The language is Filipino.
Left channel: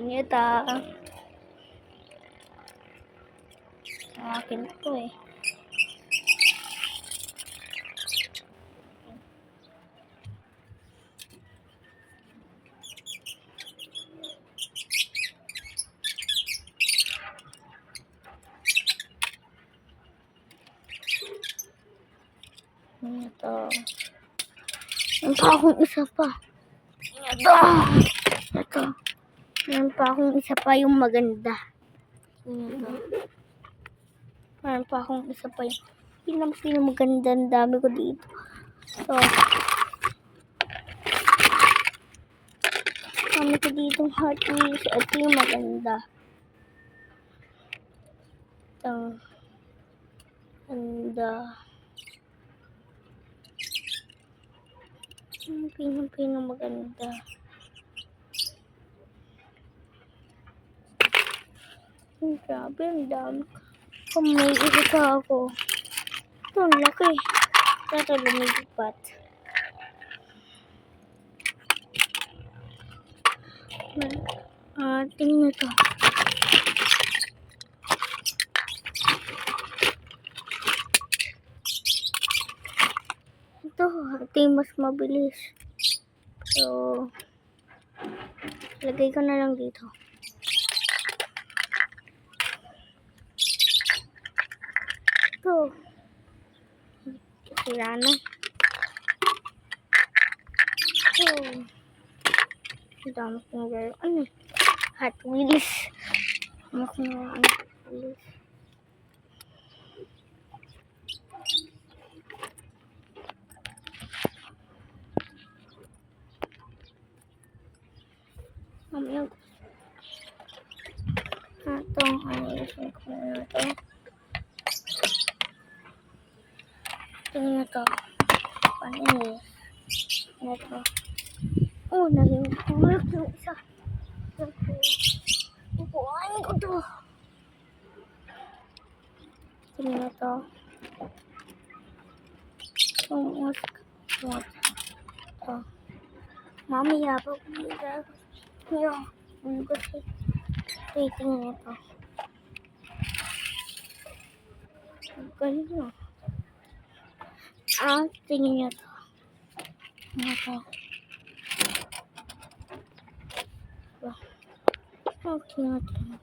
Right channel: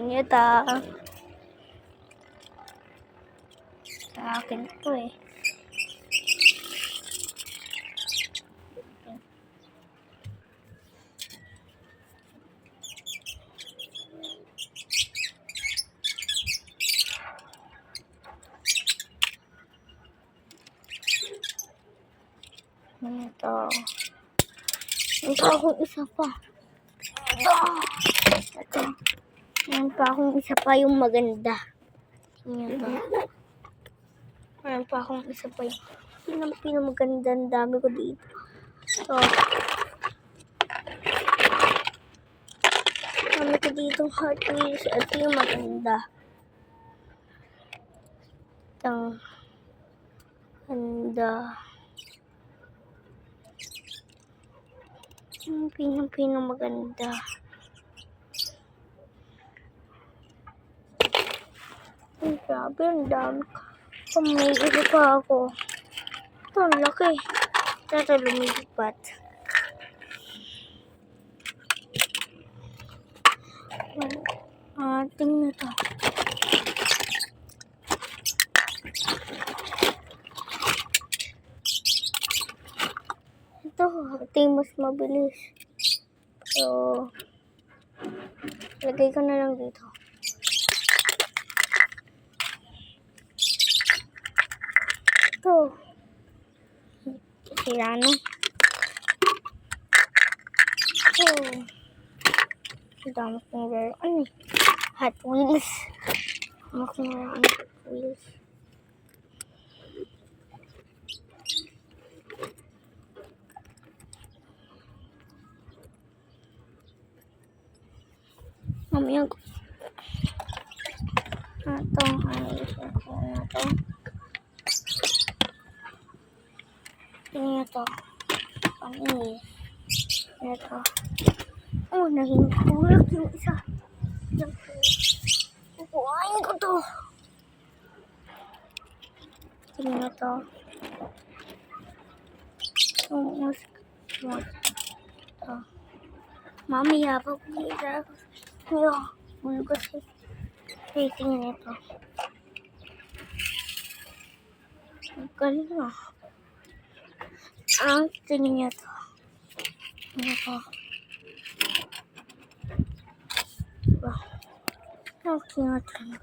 Ito. Sa akin to eh. Ito. Meron pa akong isa pa. Ito. Meron pa akong isa pa yung maganda. Ito. Meron pa akong isa pa yung pinamaganda. Ang dami ko dito. Ito. Dami ko dito Hot Wheels. Ito yung maganda. Ito. Ganda. Yung pinamaganda. Ay, grabe, ang dami. Kung may isa pa ako. Ito, ang laki. Ito, lumipat. Tingnan ito. Ito yung mas mabilis. So, lagay ko na lang dito. Ito. Sira na. Ito. Ang dami kong rare. Ano eh? Hot Wheels. Ang dami kong rare. Hot Wheels. Mamaya ko. Itong ayusin ko na ito. Tingnan ito. Panis. Ito. Oh, naging kulak yung isa. Bukuhain ko to. Tingnan ito. Ito. Mamaya pa kumita ako. Ngayon, bulgot eh. Tingnan ito. Ang galing ah. Tingnan niyo ito. Tingnan ito. Diba? Okay, ito.